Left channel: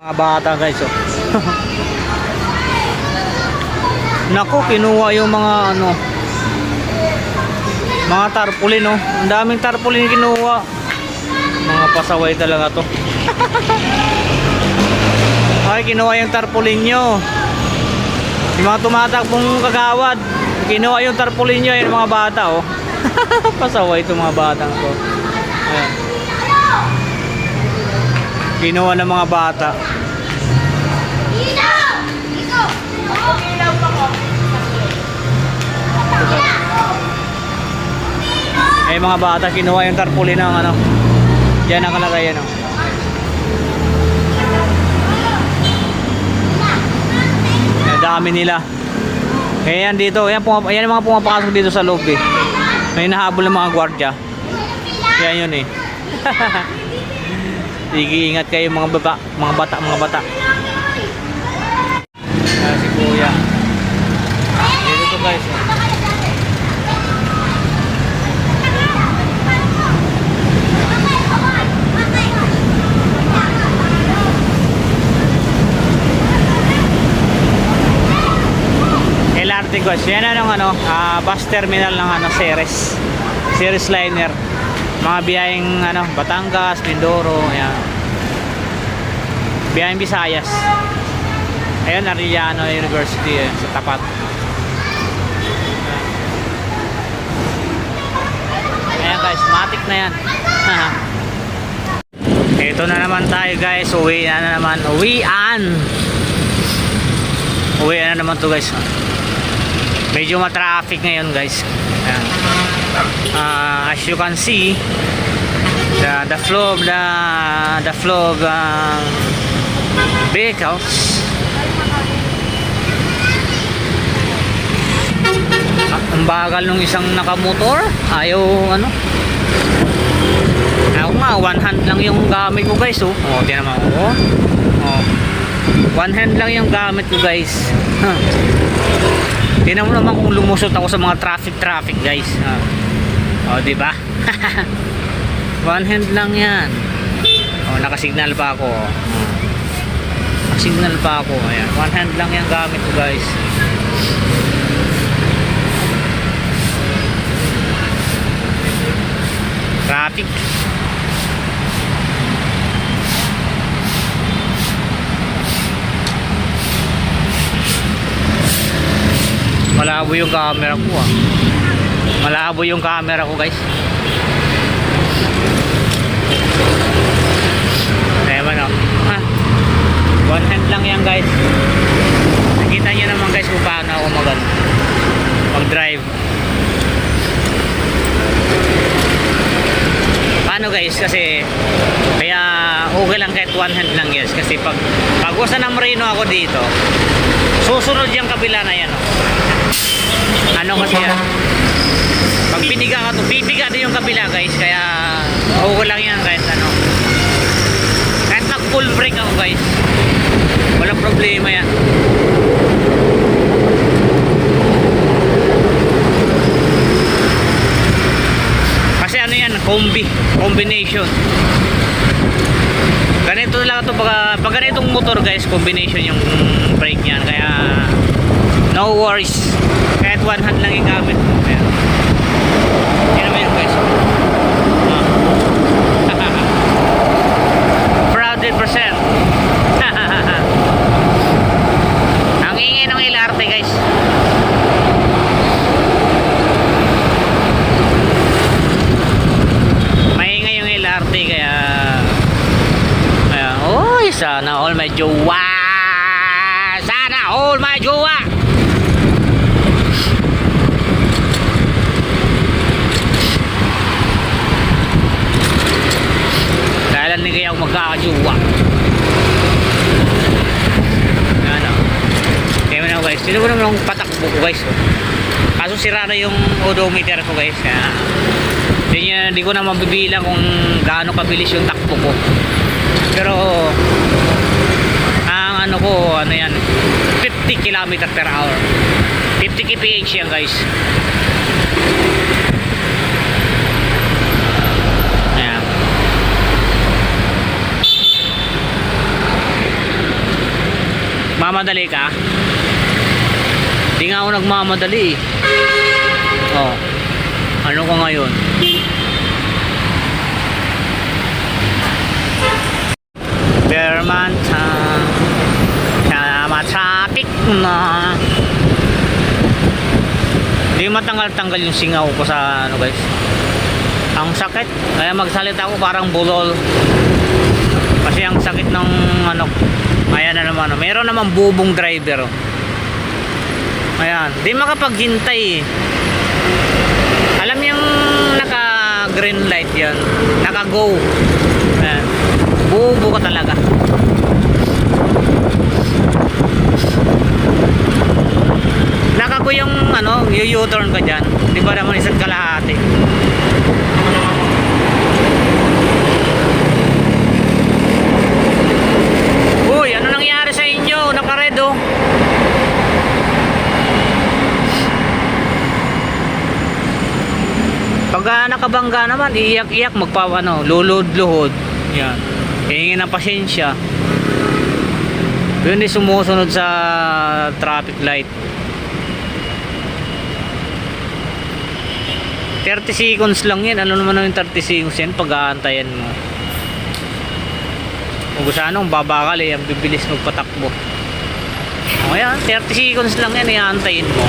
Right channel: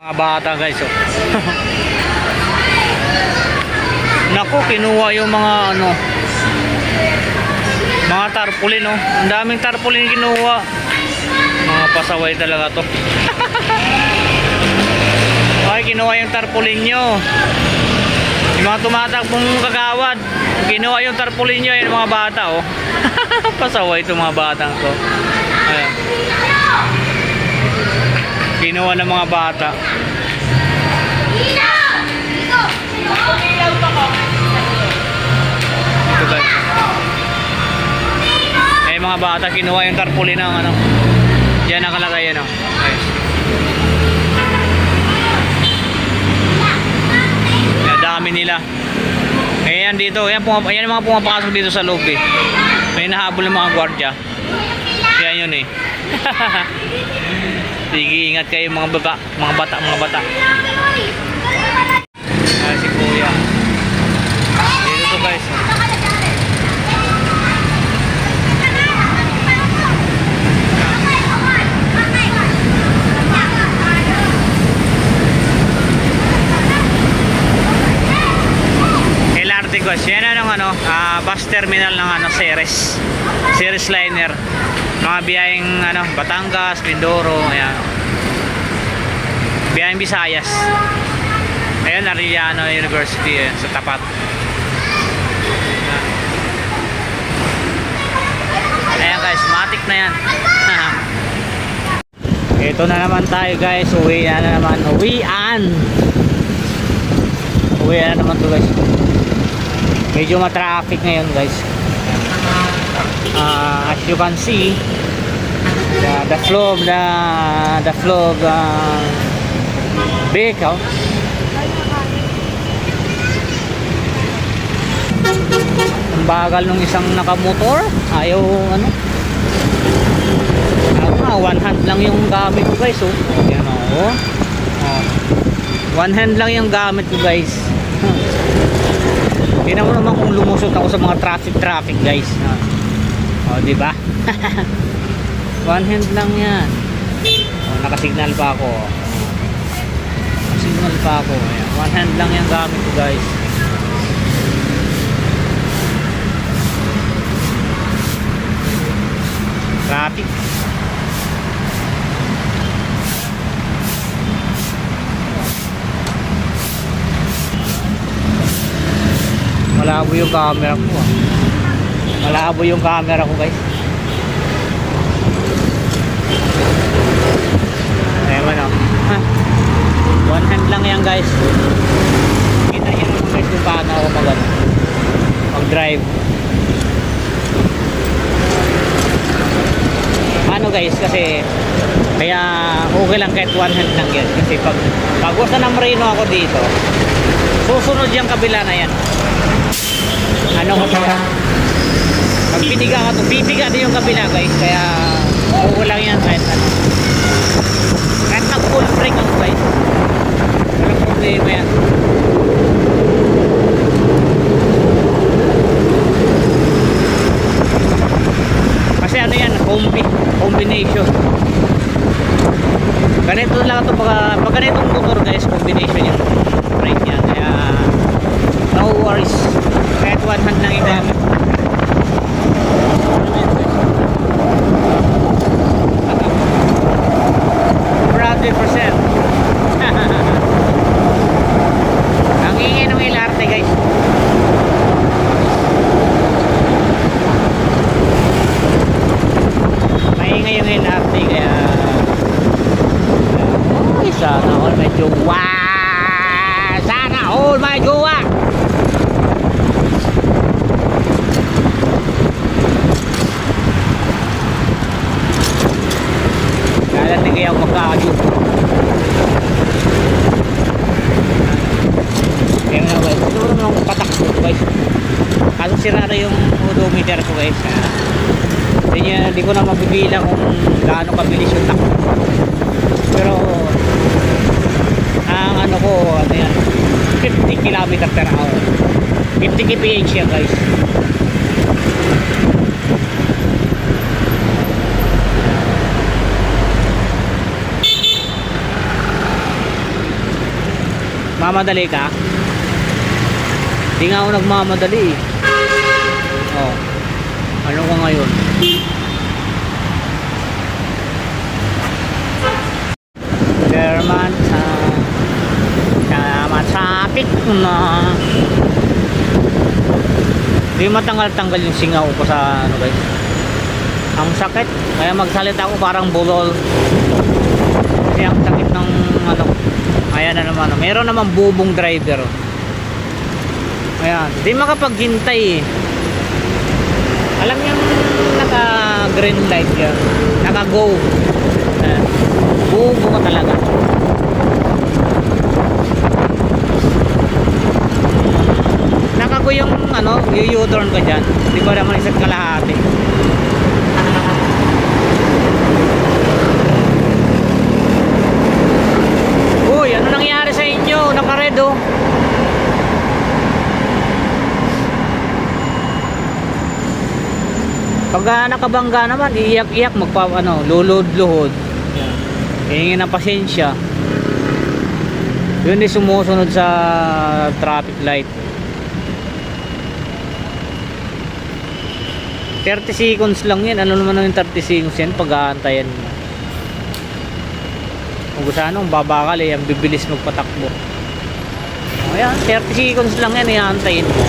Mga bata guys, oh. Naku, kinuha yung mga ano, mga tarpaulin, oh. Ang daming tarpaulin kinuha. Mga pasaway talaga to. Ay, kinuha yung tarpaulin nyo. Yung mga tumatakbong kagawad, kinuha yung tarpaulin nyo, yung mga bata, oh. Pasaway itong mga batang to. Ayan. Kinuha ng mga bata. Ito guys. Eh mga bata, kinuha yung tarpaulin ng ano. Diyan nakalagay yan, oh. Guys. Ang dami nila. Eh yan dito, yan yung mga pumapasok dito sa loob eh. May nahabol ng mga gwardiya. Yan yun eh. Sige, ingat kayo mga bata. Ah, si Kuya. Dito to guys. LRT guys. Yan ang bus terminal ng Ceres Liner. Mga biyaheng Batangas, Mindoro, ayan. Biyaheng Visayas. Ayan, Arellano University, ayan, sa tapat. Ayan guys, matik na yan. Ito na naman tayo guys, uwian na naman to guys. Medyo ma-traffic ngayon guys. Ayan. As you can see, the flow of vehicles. Ang bagal nung isang nakamotor. Ayaw ako nga, one hand lang yung gamit ko guys, oh. Oh, di naman, oh. Oh. One hand lang yung gamit ko guys. Tingnan mo naman kung lumusot ako sa mga traffic guys. Oh, di ba? One hand lang 'yan. Oh, nakasignal pa ako. Oh. Nakasignal pa ako. Ayan, one hand lang 'yang gamit ko, guys. Traffic. Malabo yung camera ko, ah. Malabo yung camera ko guys. Ayan man, oh. One hand lang yan guys. Nakita nyo naman guys kung paano ako mag-drive. Paano guys, kasi kaya okay lang kahit one hand lang guys. Kasi pag usa ng Marino ako dito, susunod yung kabila na yan, oh. Kasi pag piniga ka to, pipiga din yung kabila guys. Kaya okay lang yan kahit kahit nag full brake ako guys, walang problema yan. Kasi yan, combination. Ganito lang ito pag ganitong motor guys, combination yung brake yan. Kaya no worries, kahit one hand lang yung gamit mo. Ayan. Yun naman yun guys. 100%. Ang ingay ng LRT guys. Maingay yung LRT kaya oy, sana all may jowa. Sana all may jowa. Kailan na kaya ako magkakajowa. Kaya mo na guys, sino mo naman akong patakbo ko guys. Kaso sira na yung odometer ko guys. Hindi ko na mabibilang kung gaano kabilis yung takbo ko. Pero ang yan, 50 km/h. 50 kph yan guys. Nagmamadali ka? Di nga ako nagmamadali eh. Oh. Ano ko ngayon? Bermanta. Traffic na. Di matanggal-tanggal yung singaw ko sa ano guys. Ang sakit. Kaya magsalita ako parang bulol. Kasi ang sakit ng ano. Ayan na naman. Meron naman bubong driver. Ayan. Di makapaghintay eh. Alam mo yung naka green light yan. Naka go. Ayan. Bubo ka talaga. Nakago yung ano, yung U-turn ka dyan. Di ba naman isa't kalahati? Uy, ano nangyari sa inyo? Naka-red oh. Pag nakabangga naman, iiyak-iyak, lulod-luhod. Yan. Hihingi ng pasensya. Yun ay sumusunod sa traffic light. 30 seconds lang yan. Ano naman yung 30 seconds yan pag-aantayan mo. Kung gusto anong babakal eh, ang bibilis magpatakbo. O yan, 30 seconds lang yan, iaantayin mo.